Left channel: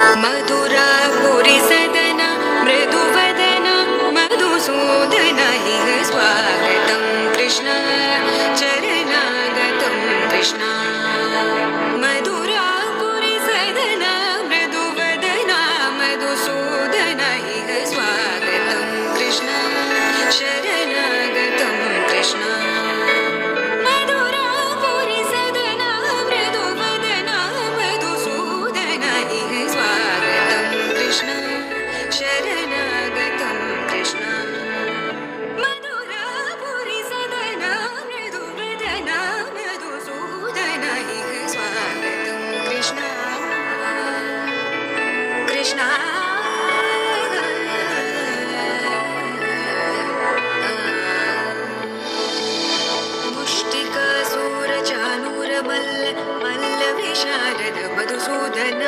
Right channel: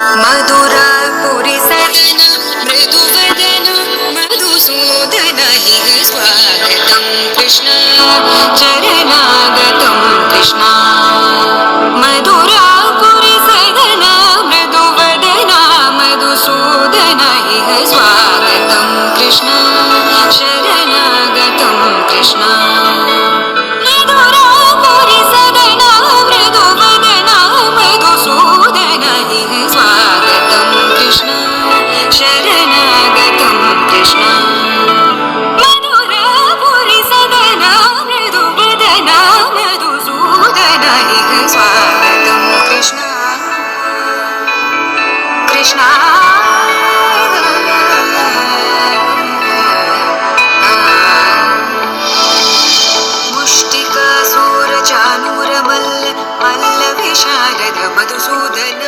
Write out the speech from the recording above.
मधुरापुरि सदन मृदुवदन मधुसूदन इह स्वागतं कृष्ण चरणागतं कृष्ण मधुरापुरि सदन मृदुवदन मधुसूदन इह स्वागतं कृष्ण शरणागतं कृष्ण मधुरापुरि सदन मृदुवदन मधुसूदन इह स्वागतं कृष्ण शरणागतं कृष्ण मधुरापुरि सदन मृदुवदन मधुसूदन इह स्वागतं कृष्ण कृष्ण मुष्टिकासूरचानूरमल्ल मल्लविशारद मधुसूदन